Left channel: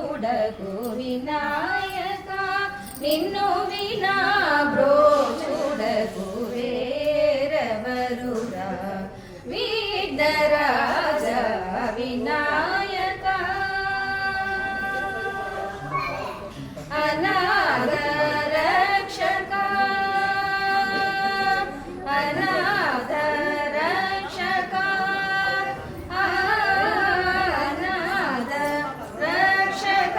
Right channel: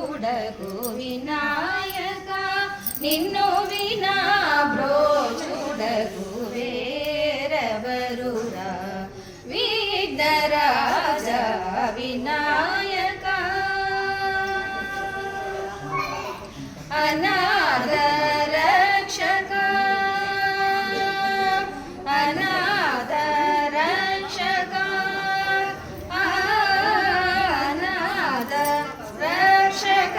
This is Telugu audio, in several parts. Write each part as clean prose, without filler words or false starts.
చూడకు వినాయక నిన్ను వినా బ్రోచుడకు వేరెవరురా విఘ్నరాజ వినాయక అనాథ రక్షక అనాథ రక్షక అనాథ రక్షక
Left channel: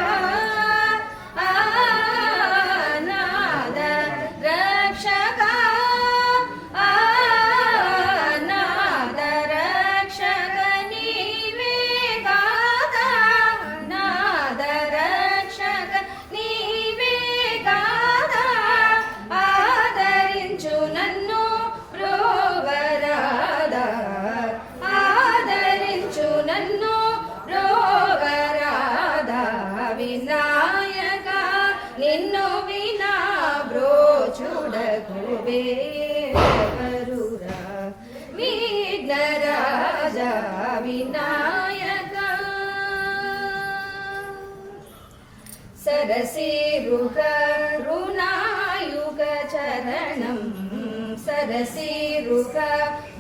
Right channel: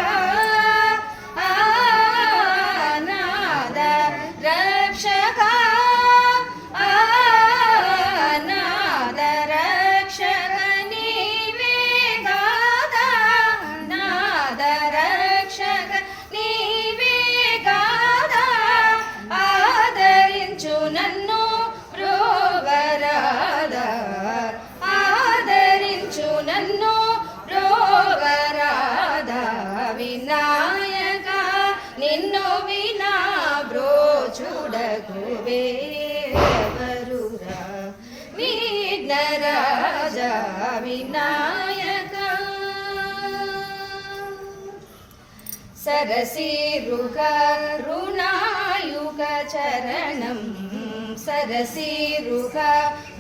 అనాథ రక్షక అనాథ రక్షక నీవే గాదా అనాథ రక్షక నీవే గాదా ఆదరించు నన్ను బ్రోవరాదా ఆదరించు నన్ను బ్రోవరాదా వినాయక నిన్ను వినా బ్రోచుడకు వేరెవరురా విఘ్నరాజ వినాయక సరసిరుగ రుణాయుగ చరణం సరసిరుగ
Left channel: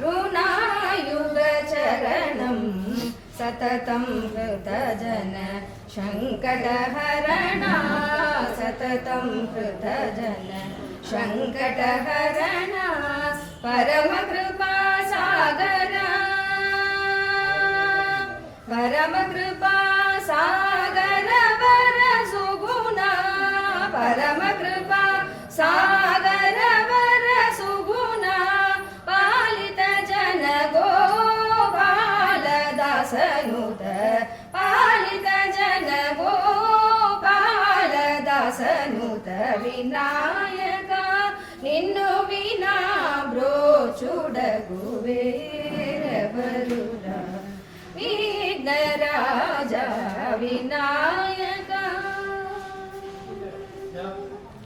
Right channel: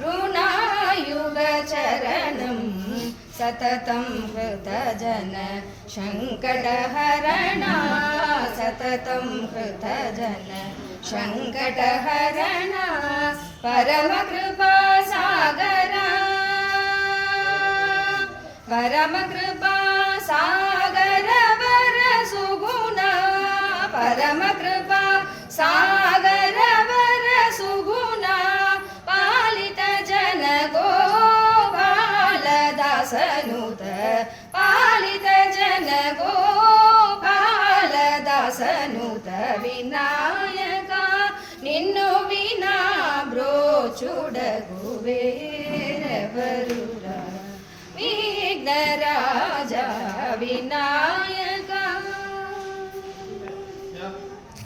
రుణాయుగ చరణం సతతం హృతజన సంకటహరణ సతతం హృతజన సంకటహరణ పరమ కృపా సాగర పరమ కృపా సాగర వర సుగుణ పరమ కృపా సాగర వర సుగుణ పాలిత జన గోపాల దాసనుత పాలిత జన గోపాల దాసనుత వినాయక నిన్ను వినా బ్రోచుడగు వేరెవరురా విఘ్నరాజ వినాయక